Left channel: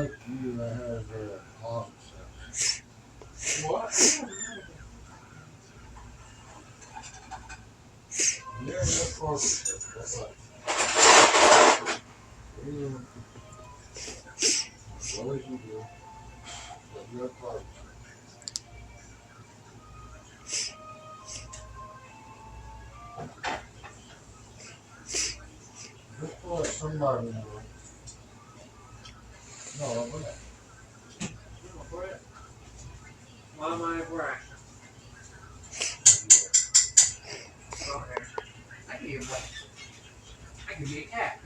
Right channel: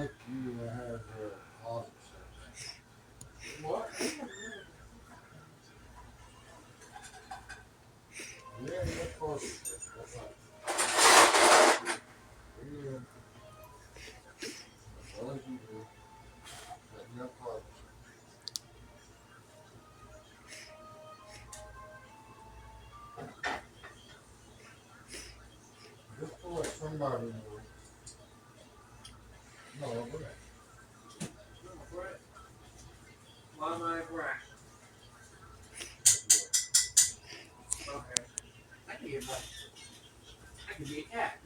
like you that has opposites. What? Yeah, that's opposites. That's like, yeah, well as you do. But you're opposites. Just to let somebody know. No, but My mind right. Okay. I can be I can be a cat.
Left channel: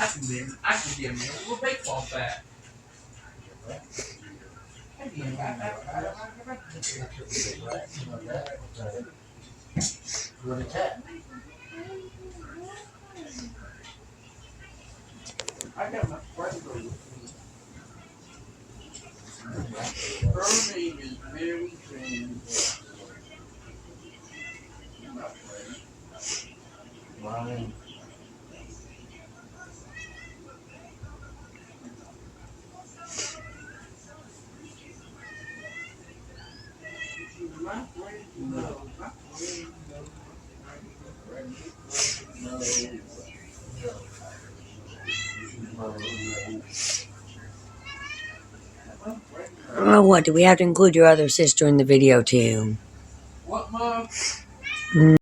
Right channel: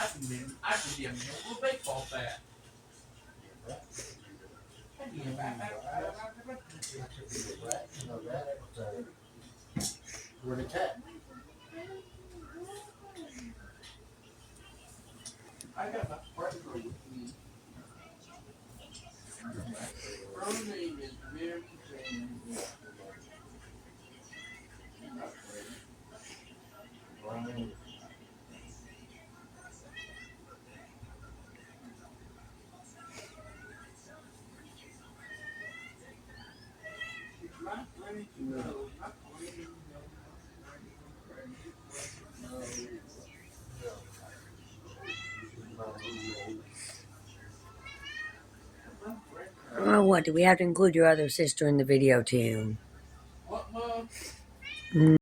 I can be a little baseball bat. I can be a bat. a rat, with a cat. I got my friend with me. Her name is Mary Jane. My friend. Mine. My friend knows. My friend knows. My friend knows. Yeah. She's my roommate. Oh, what? Do we have to include your other sister in the video too? What, Mom?